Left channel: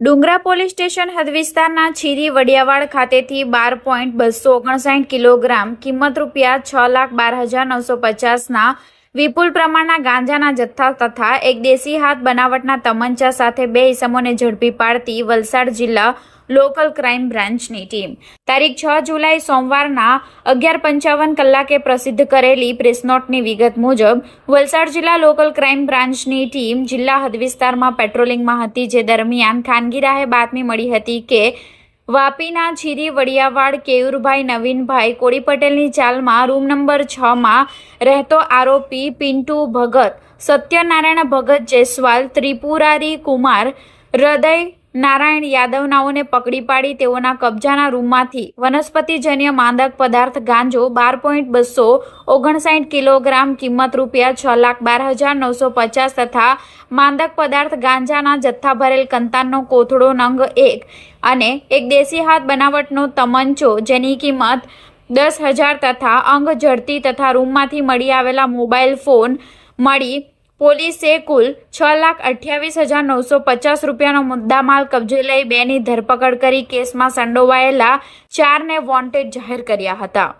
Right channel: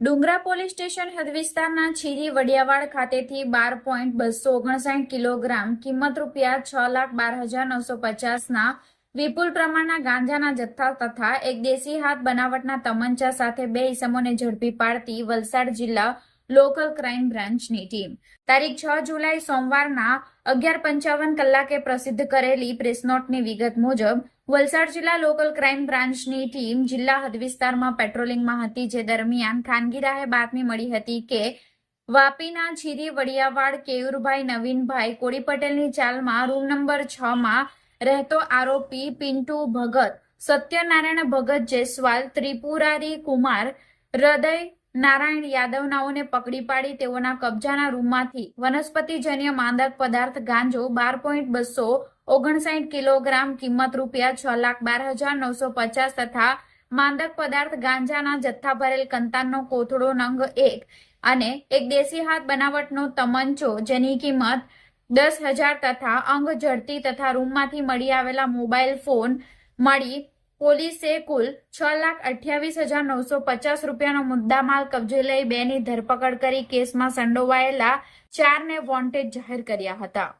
ડુંગરા police station હદ વિસ્તારના છીરી વડિયાવાડ ખાતેથી 12.259 કિલોગ્રામ કિંમત રૂપિયા 6,12,950ના વિપુલ પ્રમાણના ગાંજાના જથ્થા તથા એક દેશી હાથ બનાવટના તમંચા સાથે 2 ઇસમોને ઝડપી પાડતી વલસાડ જિલ્લા લોકલ ક્રાઇમ બ્રાન્ચની ટીમ તારીખ 6 જુલાઈ સોમવારના 11:55 કલાકે પ્રસિદ્ધ કરેલી પ્રેસનોટની વિગત મુજબ વલસાડ જિલ્લા લોકલ ક્રાઇમ બ્રાન્ચની ટીમ જિલ્લા હદ વિસ્તારમાં પેટ્રોલિંગમાં હતી, જે દરમિયાન ખાનગી રાહે બાતમી મળી હતી કે વાપીના છીરી વડિયાવાડ કેયુરભાઈ નવીનભાઈ કોળી પટેલની ચાલમાં રૂમ નંબર 6માં રહેતો આરોપી પિન્ટુ ભગત, સત્યનારાયણ ભગત જયસ્વાલ, ત્રિપુરારી કુમાર, હૃદય નારાયણ યાદવ નાઓને પકડી પાડી તેઓના કબજાના રૂમમાંથી વનસ્પતિજન્ય માદક પદાર્થ ગાંજો 12.259 કિલોગ્રામ કિંમત રૂપિયા 6,12,950 તથા માદક પદાર્થ ગાંજાના જથ્થા ભરેલ કંતાનનો કોથળો નંગ 1 અને એક દેશી હાથ બનાવટનો તમંચો જેની કિંમત 10,000 તથા અંગ ઝડતી તથા રૂમમાંથી મળી આવેલા મોબાઈલ ફોન મળી પોલીસે કુલ 6,28,950 રૂપિયાનો મુદ્દામાલ કબજે લઈ 2ની ધરપકડ કરી કેસમાં સંડોવાયેલા 4ને વોન્ટેડ જાહેર કર્યા હતા.